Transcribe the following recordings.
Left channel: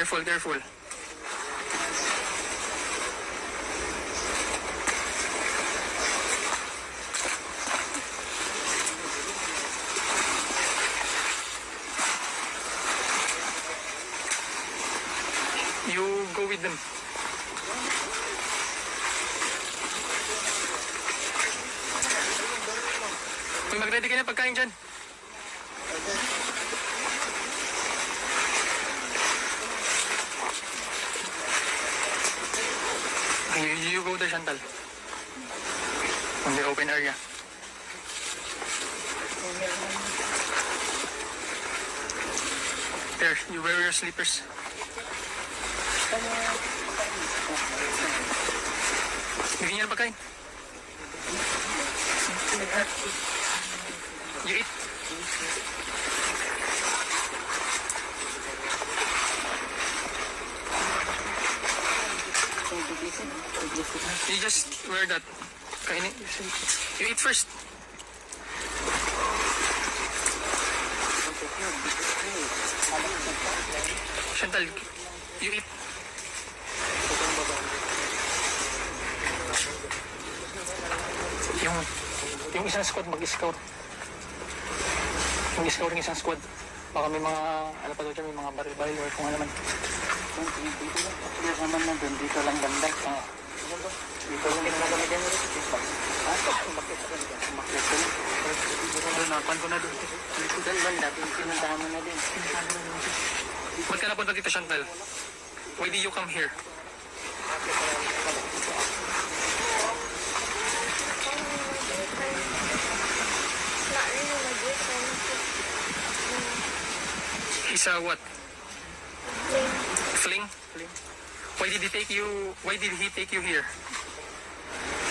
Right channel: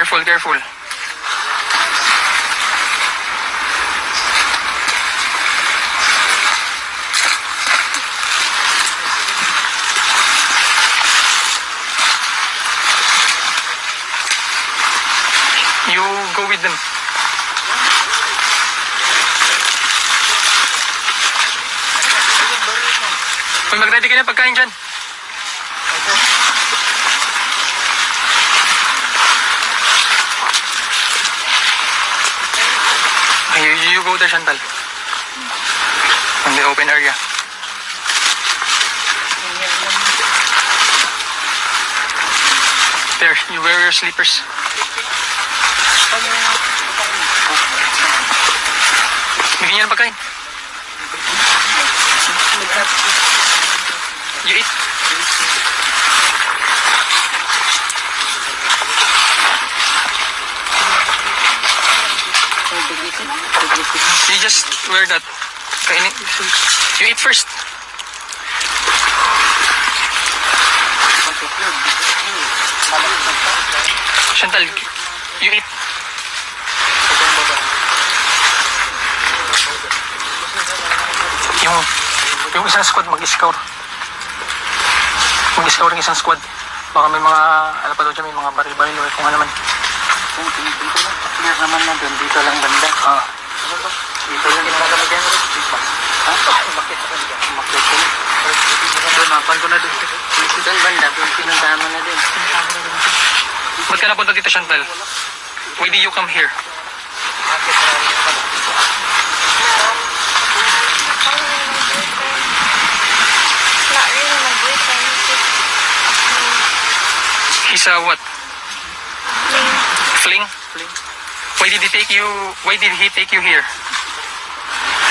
Careful, careful. You go with them. Uy, mag-ready ka na pagkain dyan. Okay, you go there, Chantal. On the open area. There, you wear your slippers. Bigyan niya ng pagkain. You eat. You just wear that. Kainin. You eat first. Chantal, you eat. Yung isang squad mag-scout. Mag-scout ng isang squad. Baka may mga, ano pa daw dyan, may mga baril-baril o kung ano man. Clear naman na doon, dito lang banda. Dito lang kami dyan. Bakit doon, mapan ko na doon. Doon banda, doon pinuntahan mo na doon. Ba't ka napunta dito, Chantal? Why did you come here? He's a what? Fling? Why did he take you here?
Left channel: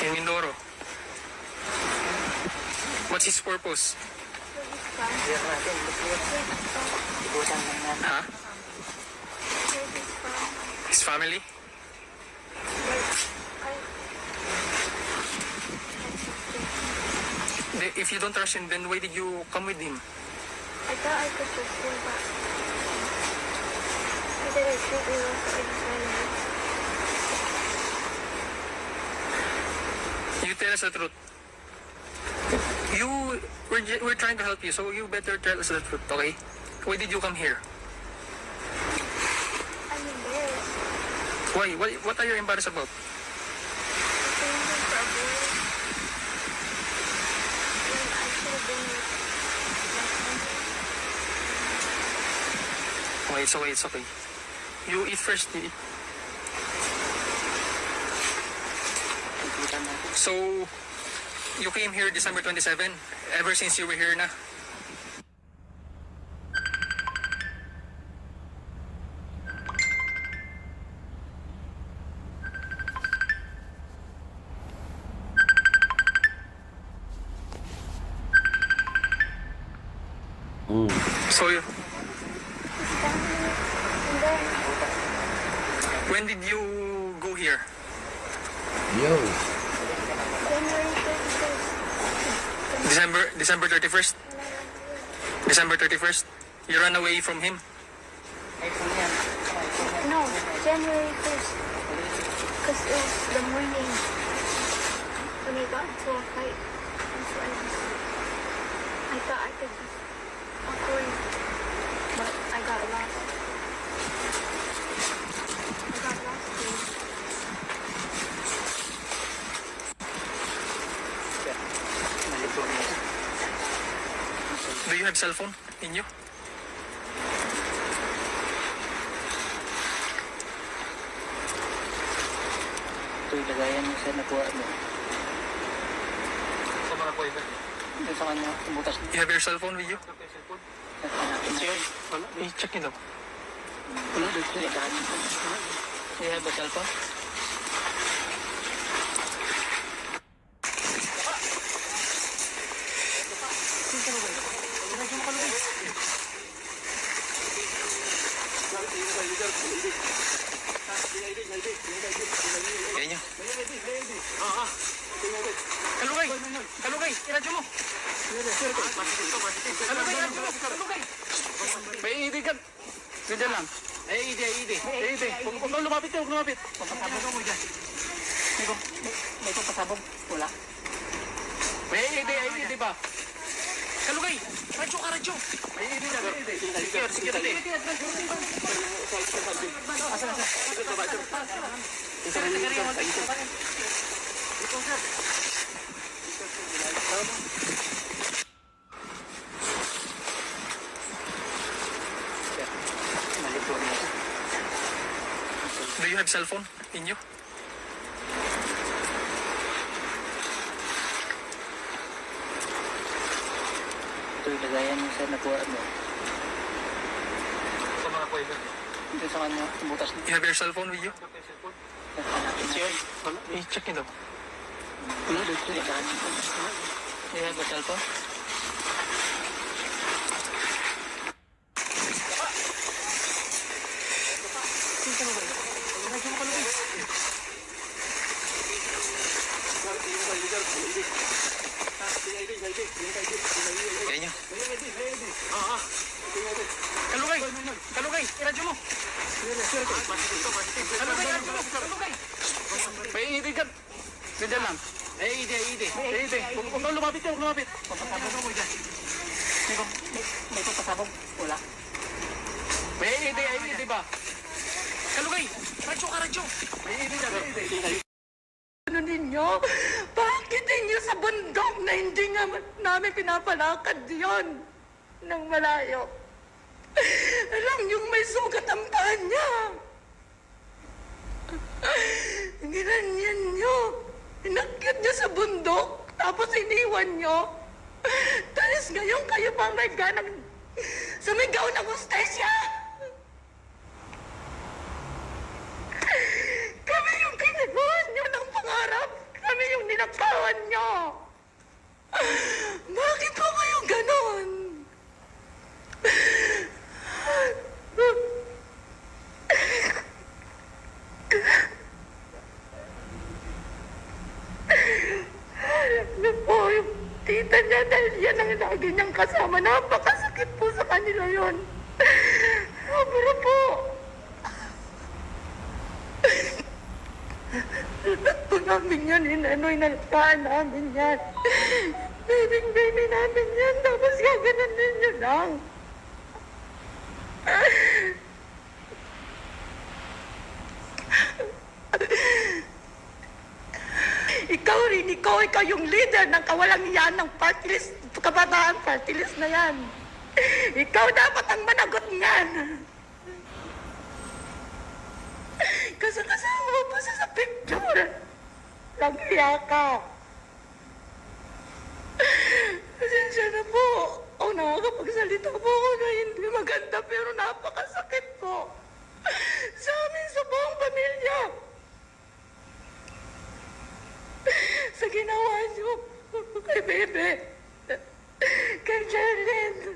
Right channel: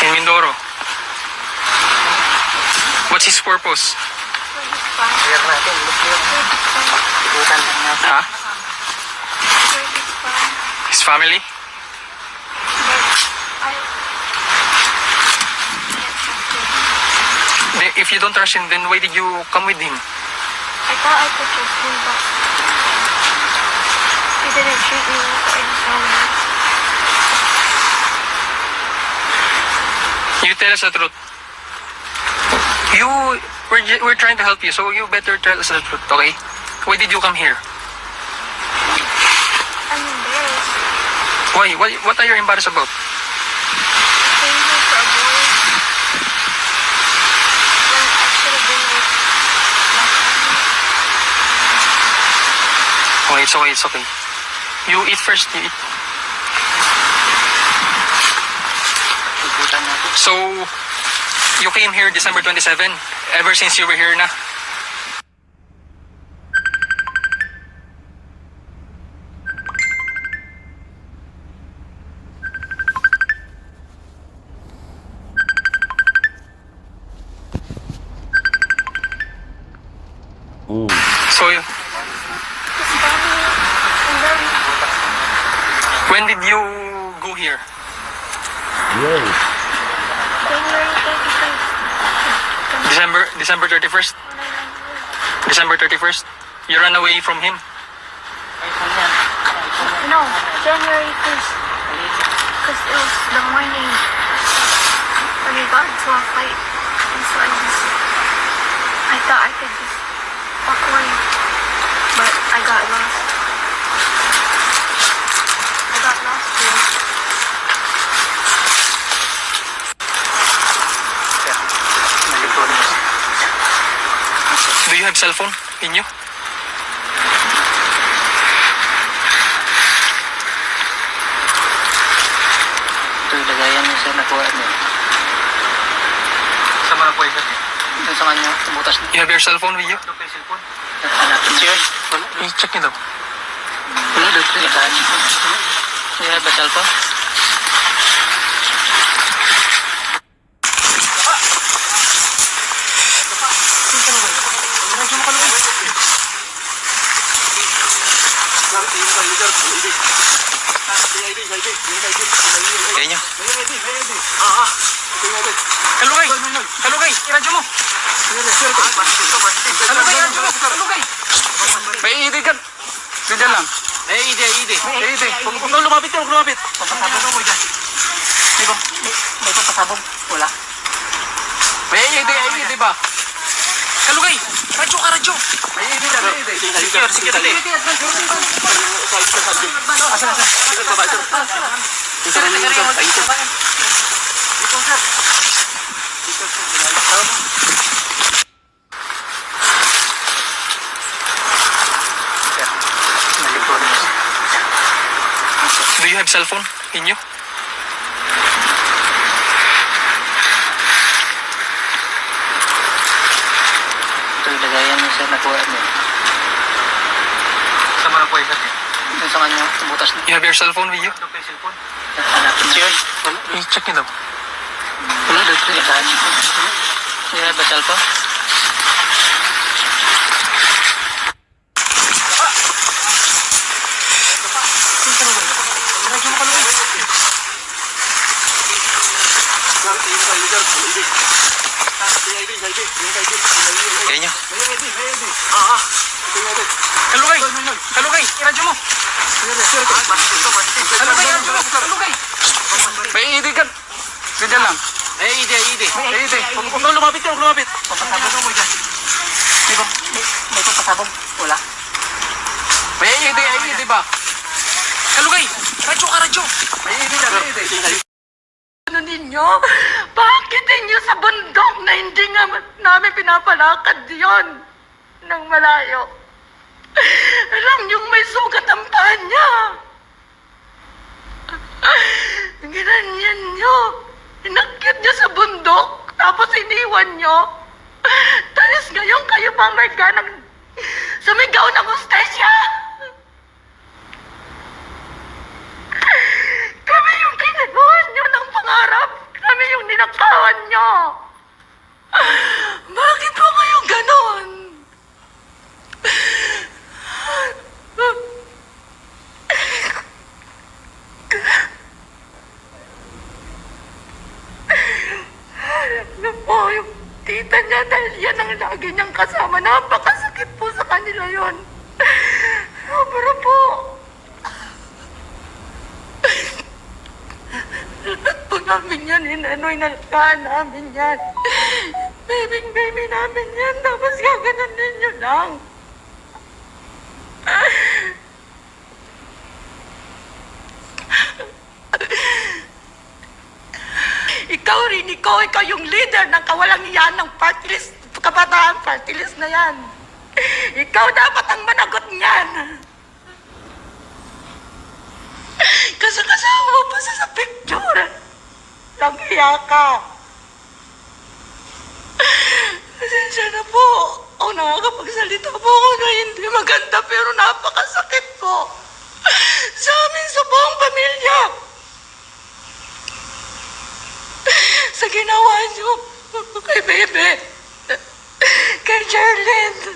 In Mindoro? What's his purpose? Clear natin, ikutan lang natin. Huh? His family? If you don't trust him, then why did you come with him? I thought I could trust him, but he didn't treat me like any family. You tell us the truth. We're trying to help you, so you better tell us the truth, okay? Why did you come here? I'm embarrassed. Why? What are you embarrassed about? I came here for a boy when I should have been with my family. Okay, it's okay. You eat first, you eat. Ikutan natin. So, you came here December 27, ever since you were here na? So, His family, and then when did you go here? January 31st. December 31st? When I ran away. December 31st? You ran away from him? iPhone yan. No, January 1st. Because it was the morning when we got into a fight. And so I thought I could just walk away. But I got lost. I got lost here. Nalito niya. Do you have cell phone in you? Ito yung lagayan niya sa nakuha niya. Sa mga po ito. Ito sa kanya, tumutas niya. You have your cell phone with you? Hanapin niya. I-check niyo daw. Wala doon. Lagayan niya. You have a cellphone? Kaya niyo. Kalugay! Kalugay! Iradyo mo! Kalugay! Iradyo mo! Kalugay! May iidig ka. Diyan lang. Ide. Huwag kang lumapit ka, huwag lumapit. Papasabog mo dyan. May papasabog. Wala. Ide ba? Kalugay! Radyo! Sige, dali. Asa? Baba ito. Do you have cell phone in you? Ito yung lagayan niya sir, nakuha niya. Sama na po yun. Yung sa kanya, butas na. You have your cell phone with you? Hanapin na. I-check nyo daw. Wala daw ito. You have a cellphone? Kaya nyo. Kalugay! Radyo mo! Kalugay! May ide ka. Ganyan lang. Ide. Huwag kang lumapit ka, huwag lumapit. Papasabog mo dyan. May papasabog. Wala. May ide ba? Kalugay! Radyo! May ide. Ano ninyo? Bakit ninyo sa bundok na hindi nga namin pinapalakad yon ng malayo? Alam niyong may sugat ang paa niya. Ginanyan niyo. Inakyat niyo sa bundok, tapos iniwan niyo. Tapos ngayon kayo pa may ganang sumigaw ng hostesya. Kami yung kinabuhan niyo ng pangarap. Kami yung ninakawan niyo. Bakit po kayo ganon? Ano po yung tita niya dahil yan ang lagi niyang kasama. Napakasakit po sa kanila yon. Pero po, lahat po namin yan, inanoy nalakaan namin yan. Baby namin yan, tapos gaganan ninyo lang. Ikaw yung leader ng kawalang iyan ng party list, kabataan party list na yan. Ikaw dapat ang managot niyan. Kasi kasama mo pa sa picture. Nag-iya ka. Pasensya na po. O nakakapagsalita po ako na hindi maganda pero napakasakit po. Sa amin sa buong pamilya. Sa ginawa niyo kay Bebe. Kay Jerlyn.